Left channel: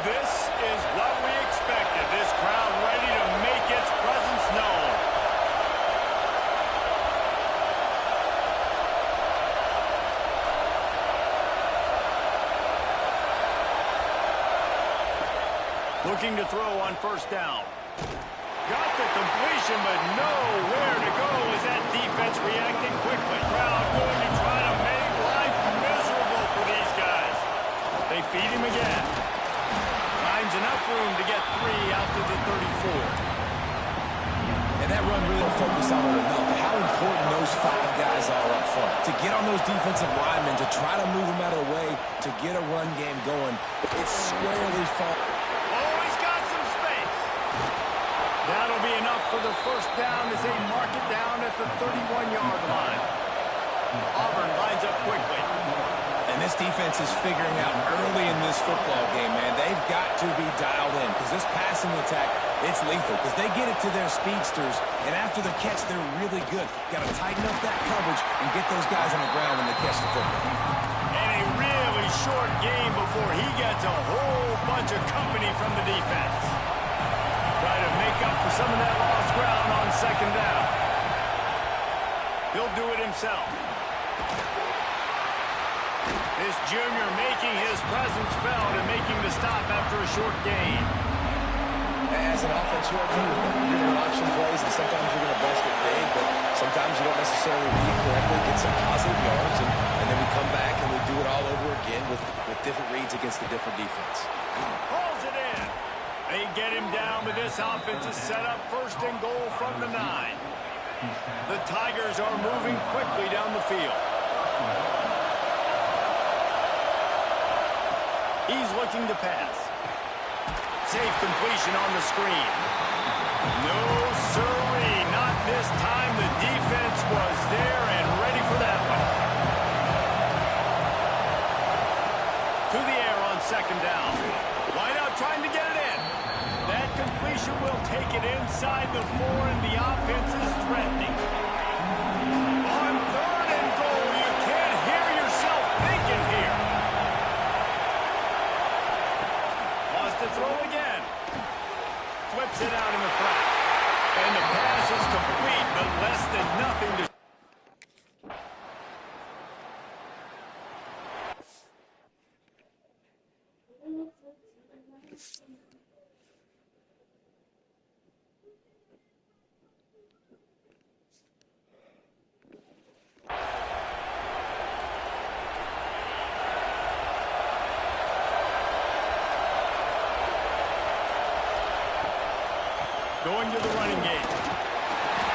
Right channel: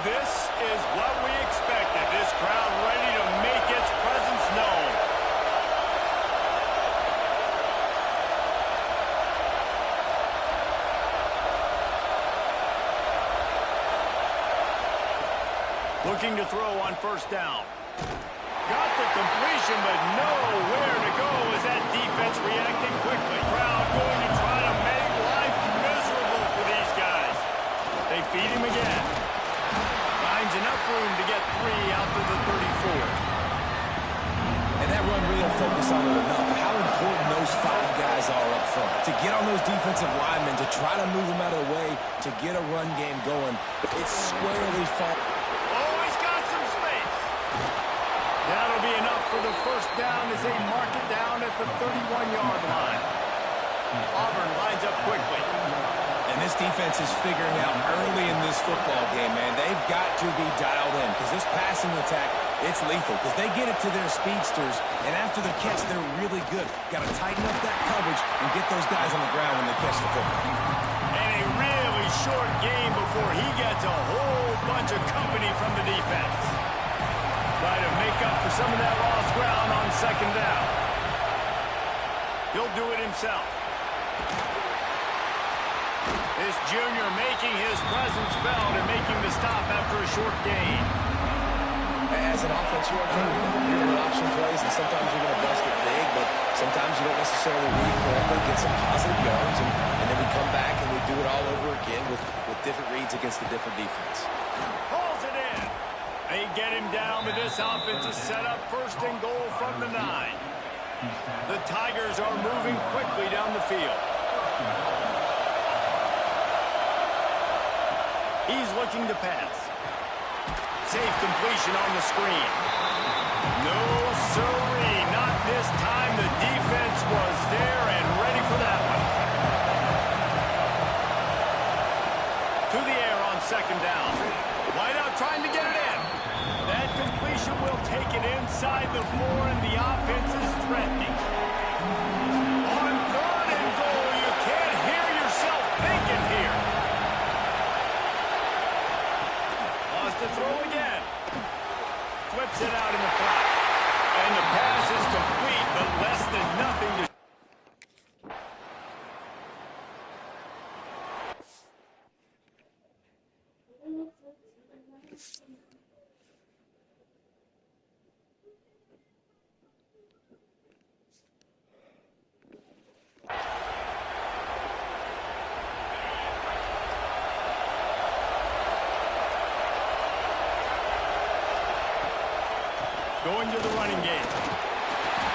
This is what we expected. This crowd ready to make its presence known. Looking to throw on first down. Got the completion, but nowhere to go as that defense reacted quickly. Crowd going to try to make life miserable for these guys. They feed him again. Finds enough room to get 3 out to the 34. And that run really don't focus on it enough. How important those 5 guys are up front. To get on those defensive linemen, to try to move them out of the way, to get a run game going, it's squarely fall. Oh, he's got some space. That'll be enough for the first down as they mark it down at the 31-yard line. Auburn lines up quickly. And this defense is figuring out early in this football game, man. They've got to be dialed in because this passing attack, it's lethal because they get it to their speedsters, and after the catch, they're really good. Got to tighten up that coverage and get those guys on the ground when they catch the football. And a really short game before he gets a whole bunch of company from the defense. Try to make up for some of that lost ground on second down. He'll do it himself. This junior making his presence felt and making the stop after a short gain. As an offense, you are dealing with that. You're going to option plays, and sometimes you're going to bust it big, but sometimes you don't necessarily read it correctly, get some positive yards, and then we come back and we do it all over again with different reads against a different defense. Pulls it in. They get him down, but this offense is set up first and goal from the 9. The Tigers are moving quickly down the field. He's looking to pass. Safe completion on the screen. No siree, not this time. The defense was there and ready for that one. To the air on second down. Wideout trying to get it in. That completion will take it inside the 4, and the offense is threatening. On third and goal, you can't hear yourself thinking here. To throw again. Flips it out in the flat. And the pass is complete, but less than nothing to... Going to the running game.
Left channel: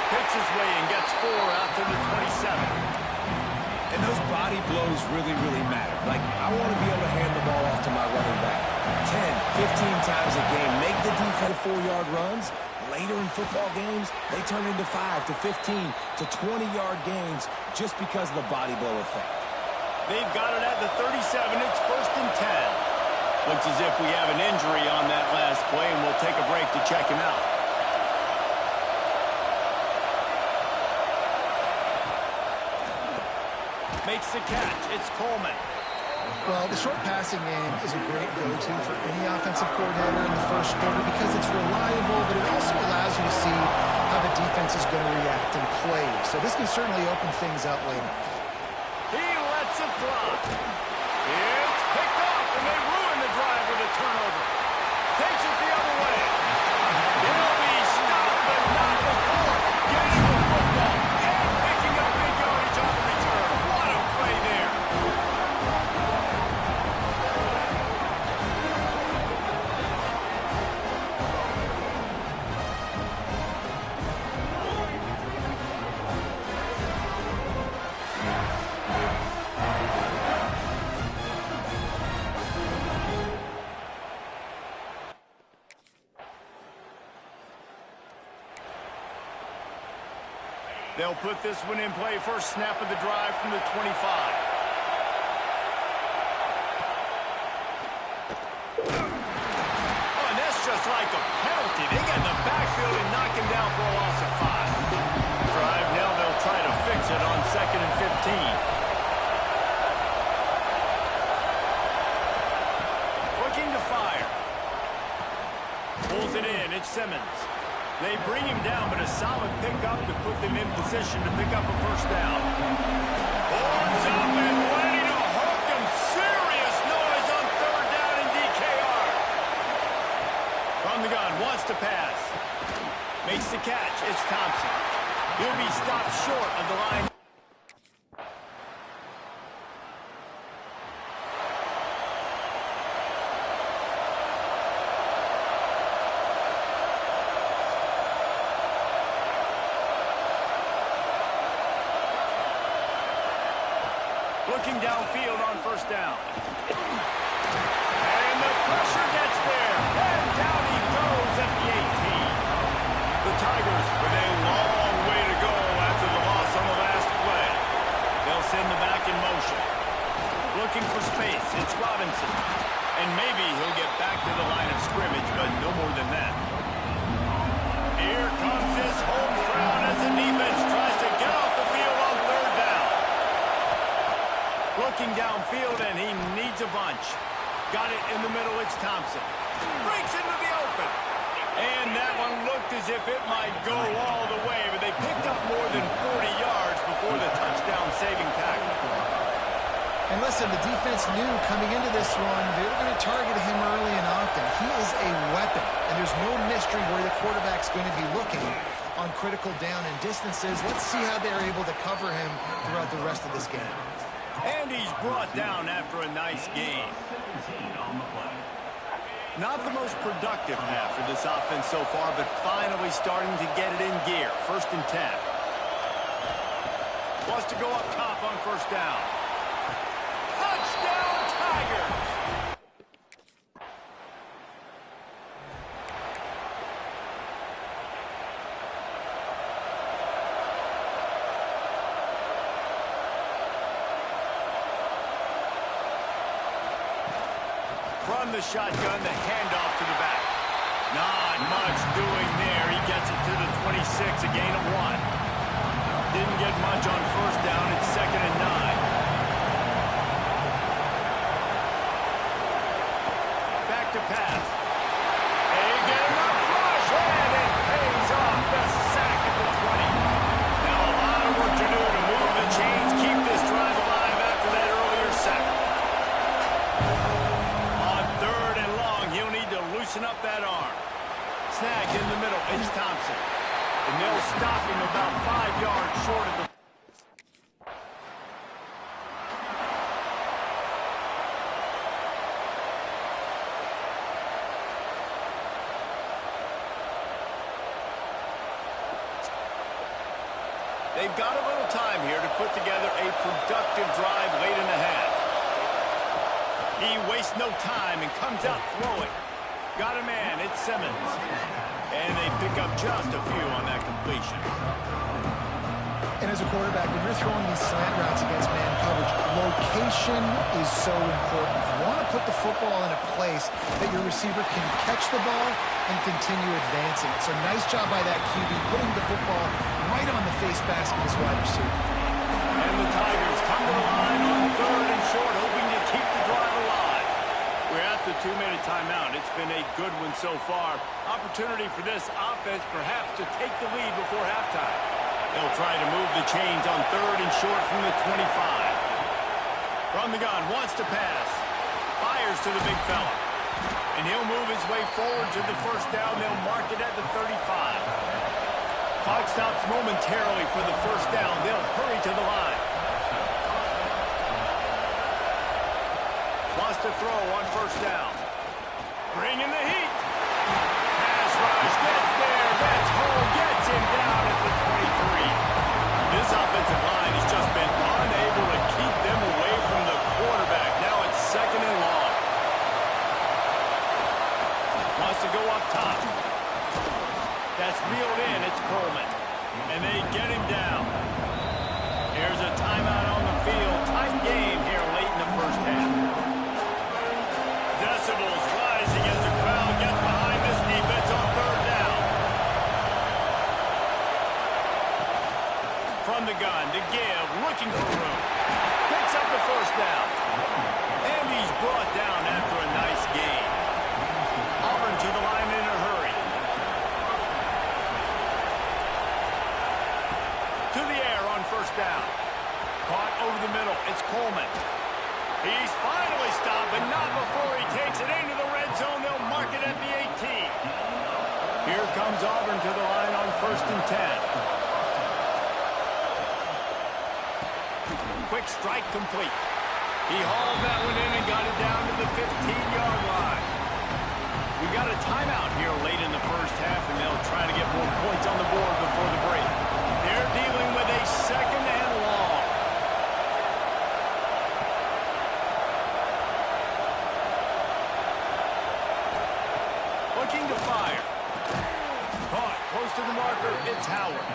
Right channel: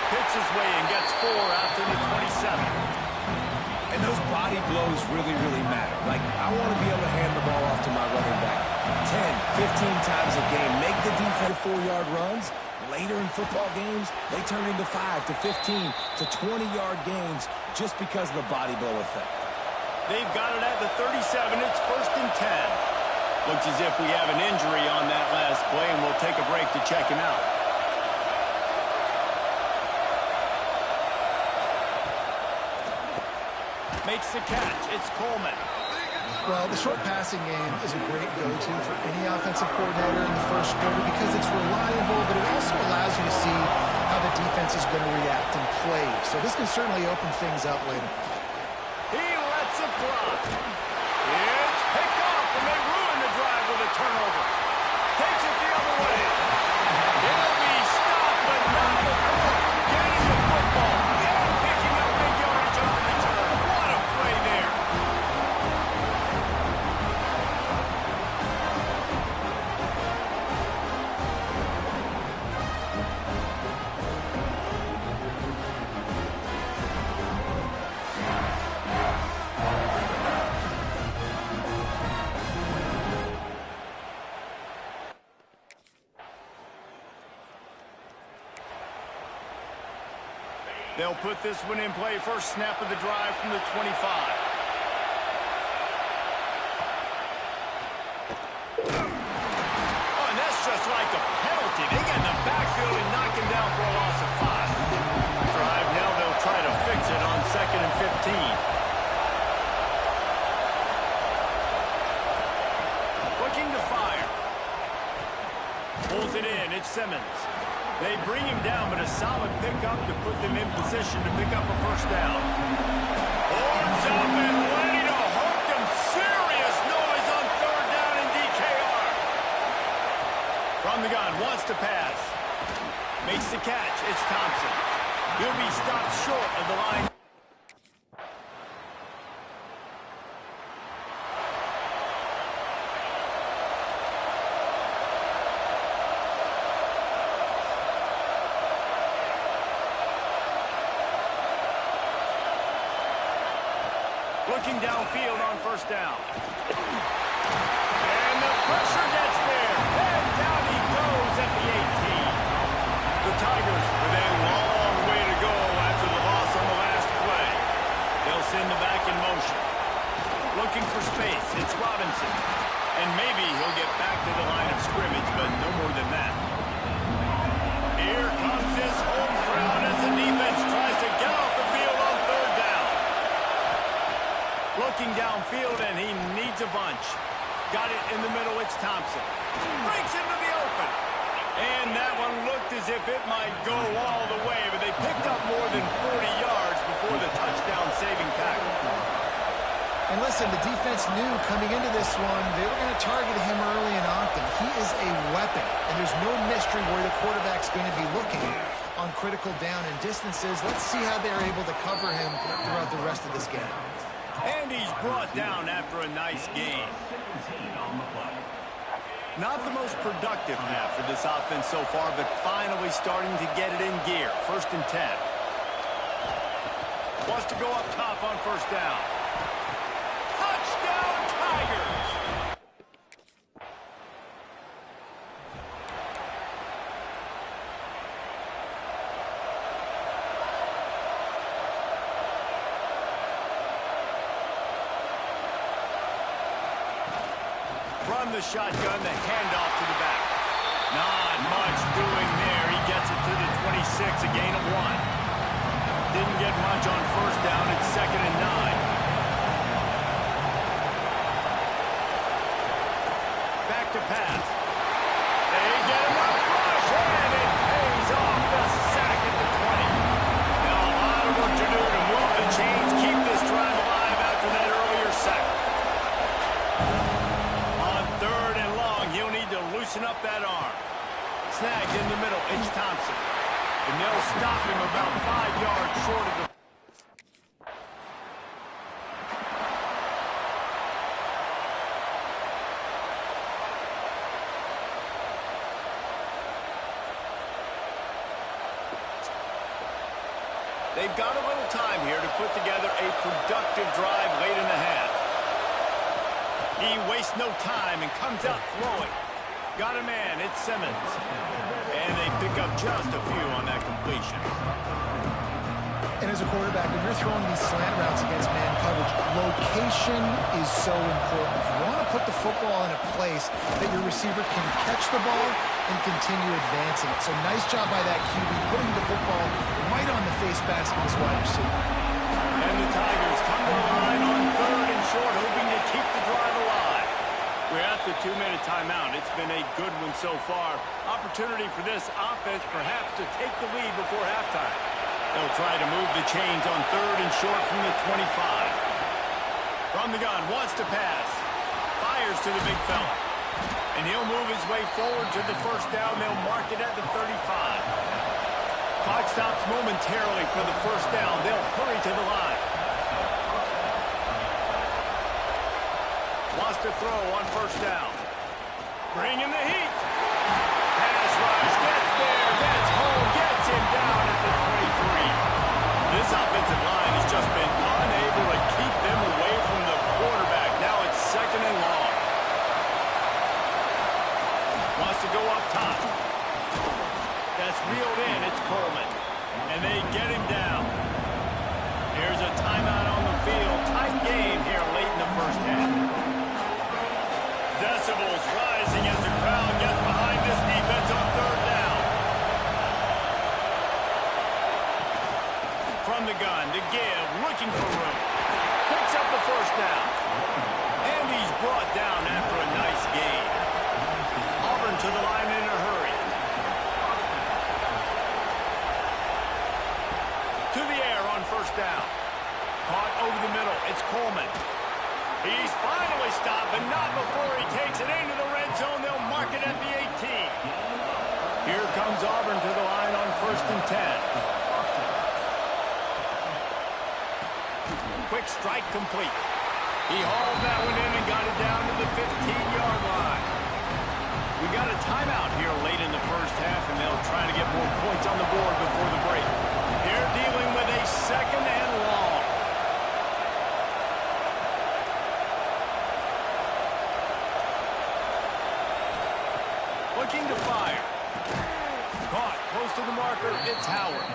Picks his way and gets 4 out to the 27. And those body blows really, really matter. Like, I want to be able to hand the ball off to my running back 10, 15 times a game. Make the defense 4-yard runs. Later in football games, they turn into 5 to 15 to 20-yard gains just because of the body blow effect. They've got it at the 37. It's first and 10. Looks as if we have an injury on that last play, and we'll take a break to check him out. Makes the catch. It's Coleman. Well, the short passing game is a great go-to for any offensive coordinator in the first quarter because it's reliable, but it also allows you to see how the defense is going to react and play. So this can certainly open things up later. He lets it fly. It's picked off, and they ruin the drive with a turnover. Takes it the other way. He'll be stopped, but not before getting the football and picking up big yardage on the return. What a play there. They'll put this one in play. First snap of the drive from the 25. Oh, and that's just like a penalty. They get in the backfield and knock him down for a loss of 5. Drive now, they'll try to fix it on 2nd and 15. Looking to fire. Pulls it in. It's Simmons. They bring him down, but a solid pickup to put them in position to pick up a first down. Horns up and ready to hook them. Serious noise on third down in DKR. From the gun, wants to pass. Makes the catch. It's Thompson. He'll be stopped short of the line. Looking downfield on first down. And the pressure gets there. And down he goes at the 18. The Tigers with a long way to go after the loss on the last play. They'll send the back in motion. Looking for space. It's Robinson. And maybe he'll get back to the line of scrimmage, but no more than that. Here comes his home crowd as the defense tries to get off the field on third down. Looking downfield, and he needs a bunch. Got it in the middle, it's Thompson. Breaks into the open. And that one looked as if it might go all the way, but they picked up more than 40 yards before the touchdown-saving tackle. And listen, the defense knew coming into this one, they were going to target him early and often. He is a weapon, and there's no mystery where the quarterback's going to be looking on critical down and distances. Let's see how they're able to cover him throughout the rest of this game. And he's brought down after a nice game. Not the most productive half for this offense so far, but finally starting to get it in gear. 1st and 10. Wants to go up top on first down. Touchdown, Tigers! From the shotgun, the handoff to the back. Not much doing there. He gets it to the 26, a gain of 1. Didn't get much on first down. It's 2nd and 9. Back to pass. They get enough rush, and it pays off. The sack at the 20. Now a lot of work to do to move the chains, keep this drive alive after that earlier sack. He'll need to loosen up that arm. Snagged in the middle. It's Thompson. And they'll stop him about 5 yards short of the... They've got a little time here to put together a productive drive late in the half. He wastes no time and comes out throwing. Got a man, it's Simmons. And they pick up just a few on that completion. And as a quarterback, when you're throwing these slant routes against man coverage, location is so important. You want to put the football in a place that your receiver can catch the ball and continue advancing. So nice job by that QB, putting the football right on the face mask of his wide receiver. And the Tigers come to the line on 3rd and short, hoping to keep the drive alive. We're at the 2-minute timeout. It's been a good one so far. Opportunity for this offense perhaps to take the lead before halftime. They'll try to move the chains on 3rd and short from the 25. From the gun, wants to pass. Fires to the big fella. And he'll move his way forward to the first down. They'll mark it at the 35. Clock stops momentarily for the first down. They'll hurry to the line. Wants to throw on first down. Bringing the heat. Pass rush, gets there, gets home, gets him down at the 23. This offensive line has just been unable to keep them away from the quarterback. Now it's 2nd and long. Wants to go up top. That's reeled in. It's Coleman. And they get him down. Here's a timeout on the field. Tight game here late in the first half. Decibels rising as the crowd gets behind this defense on 3rd down. From the gun to give, looking for room. Picks up the first down. And he's brought down after a nice gain. All Auburn to the line in a hurry. To the air on first down. Caught over the middle. It's Coleman. He's finally stopped, but not before he takes it into the red zone. They'll mark it at the 18. Here comes Auburn to the line on 1st and 10. Quick strike complete. He hauled that one in and got it down to the 15-yard line. We got a timeout here late in the first half, and they'll try to get more points on the board before the break. They're dealing with a 2nd and long. Looking to fire. Caught close to the marker. It's Howard.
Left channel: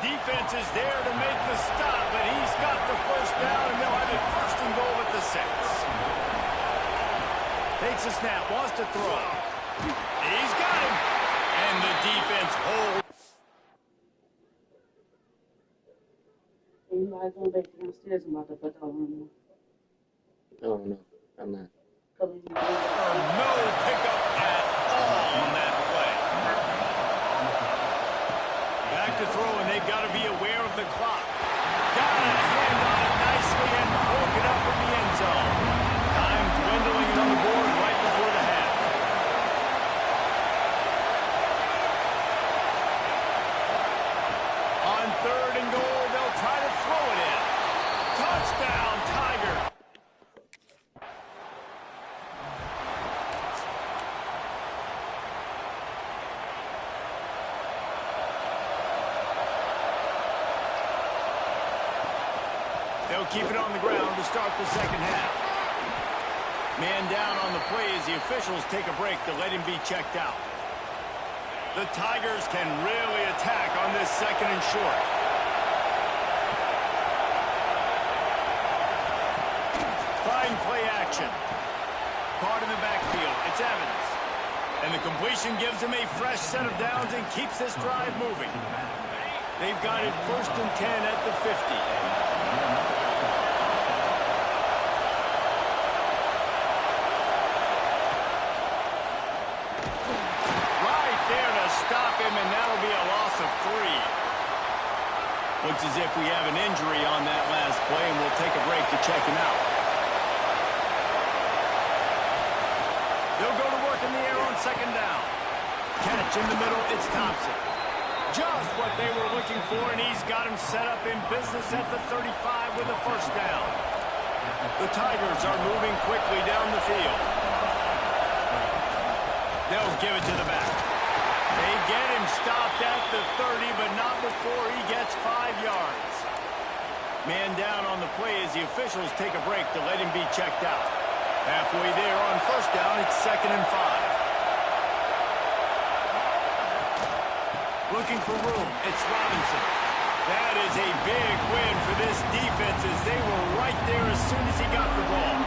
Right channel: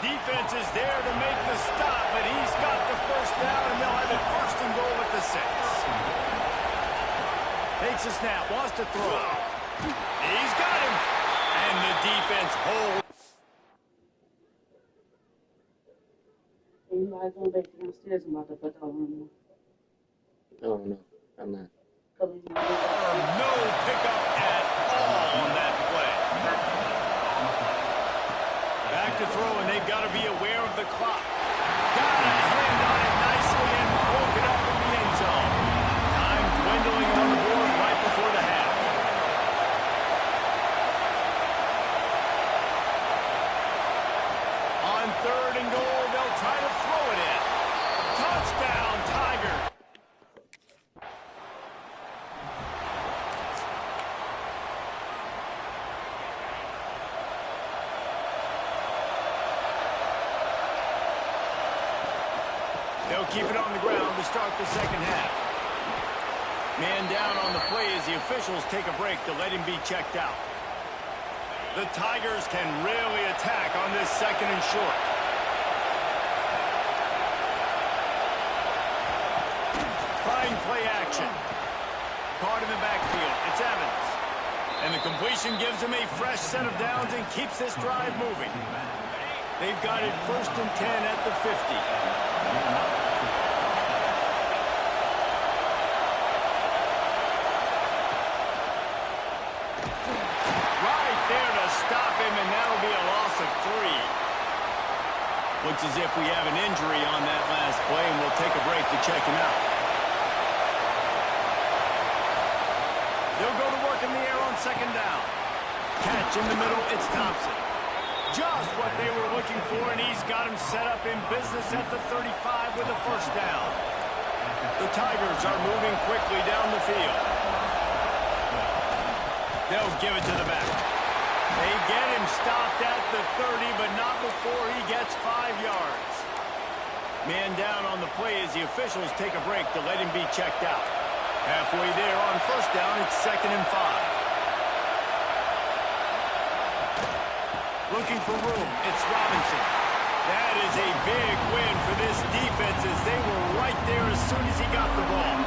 Defense is there to make the stop, but he's got the first down, and they'll have it 1st and goal at the 6. Takes a snap, wants to throw. He's got him, and the defense holds. You guys gonna make it downstairs about to put that on. Oh, no, I'm not. No pickup at all on that play. Back to throw, and they've got to be aware of the clock. Got a hand on it nicely and broke it up in the end zone. Time dwindling on the board right before the half. On 3rd and goal, they'll try to throw it in. Touchdown, Tiger. They'll keep it on the ground to start the second half. Man down on the play as the officials take a break to let him be checked out. The Tigers can really attack on this 2nd and short. Trying play action. Caught in the backfield. It's Evans. And the completion gives him a fresh set of downs and keeps this drive moving. They've got it 1st and 10 at the 50. There to stop him, and that'll be a loss of 3. Looks as if we have an injury on that last play, and we'll take a break to check him out. They'll go to work in the air on 2nd down. Catch in the middle, it's Thompson. Just what they were looking for, and he's got him set up in business at the 35 with a 1st down. The Tigers are moving quickly down the field. They'll give it to the back. They get him stopped at the 30, but not before he gets 5 yards. Man down on the play as the officials take a break to let him be checked out. Halfway there on 1st down, it's 2nd and 5. Looking for room, it's Robinson. That is a big win for this defense as they were right there as soon as he got the ball.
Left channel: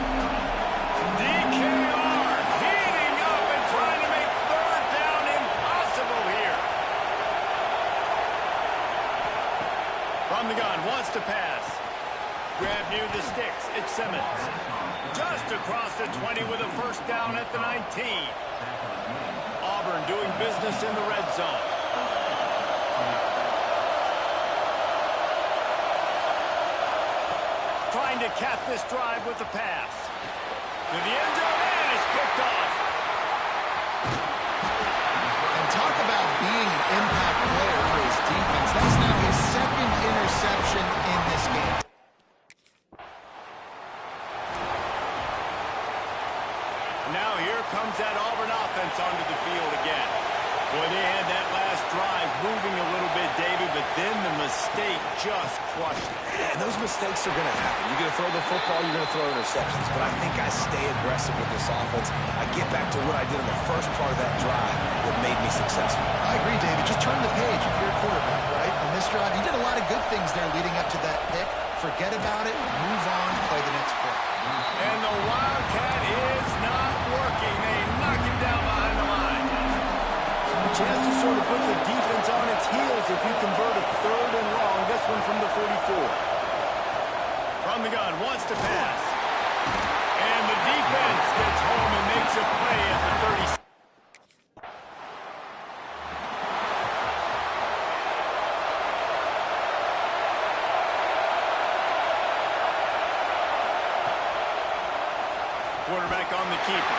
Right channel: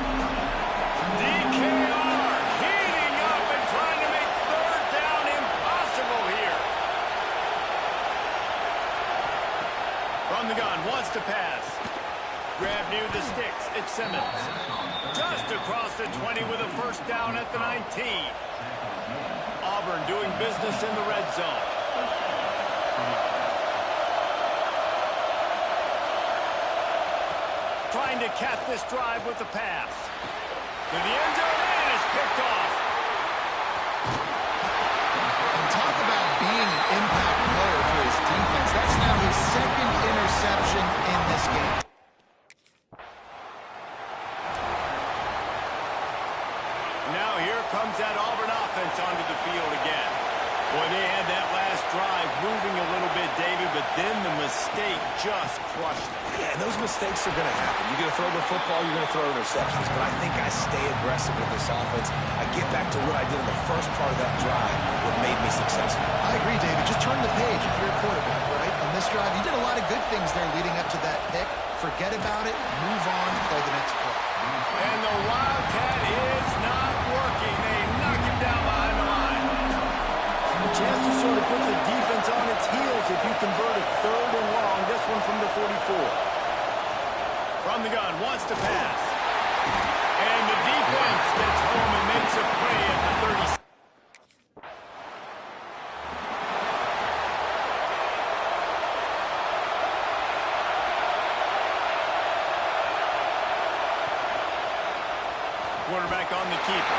DKR heating up and trying to make 3rd down impossible here. From the gun, wants to pass. Grab near the sticks, it's Simmons. Just across the 20 with a 1st down at the 19. Auburn doing business in the red zone. Trying to cap this drive with the pass. To the end zone, and it's picked off. And talk about being an impact player for his defense. That's now his 2nd interception in this game. Now here comes that Auburn offense onto the field again. Boy, they had that last drive moving a little bit, David, but then the mistake just crushed it. Yeah, and those mistakes are going to happen. You're going to throw the football, you're going to throw interceptions. But I think I stay aggressive with this offense. I get back to what I did in the first part of that drive, what made me successful. I agree, David. Just turn the page if you're a quarterback, right? On this drive, you did a lot of good things there leading up to that pick. Forget about it, move on, play the next play. And the Wildcat is not working. They knock him down behind the line. A chance to sort of put the defense on its heels if you convert a 3rd and long. This one from the 44. From the gun, wants to pass. And the defense gets home and makes a play at the 30. Quarterback on the keeper.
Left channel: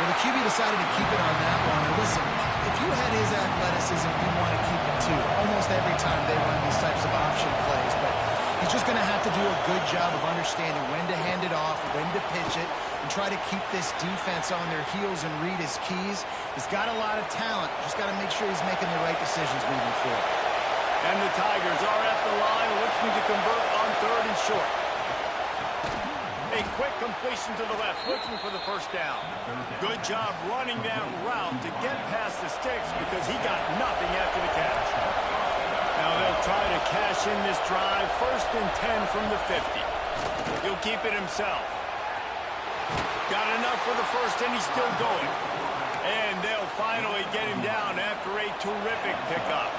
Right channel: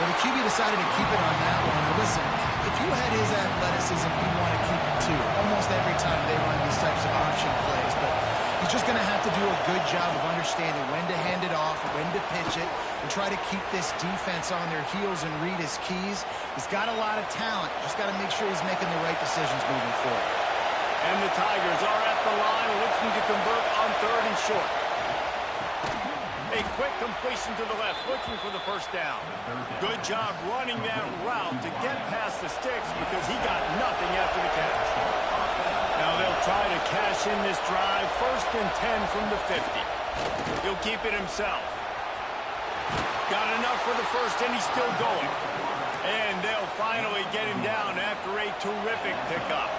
Well, the QB decided to keep it on that one. And listen, if you had his athleticism, you'd want to keep it too. Almost every time they run these types of option plays. But he's just going to have to do a good job of understanding when to hand it off, when to pitch it, and try to keep this defense on their heels and read his keys. He's got a lot of talent. Just got to make sure he's making the right decisions moving forward. And the Tigers are at the line looking to convert on 3rd and short. A quick completion to the left, looking for the first down. Good job running that route to get past the sticks because he got nothing after the catch. Now they'll try to cash in this drive. 1st and 10 from the 50. He'll keep it himself. Got enough for the first, and he's still going. And they'll finally get him down after a terrific pickup.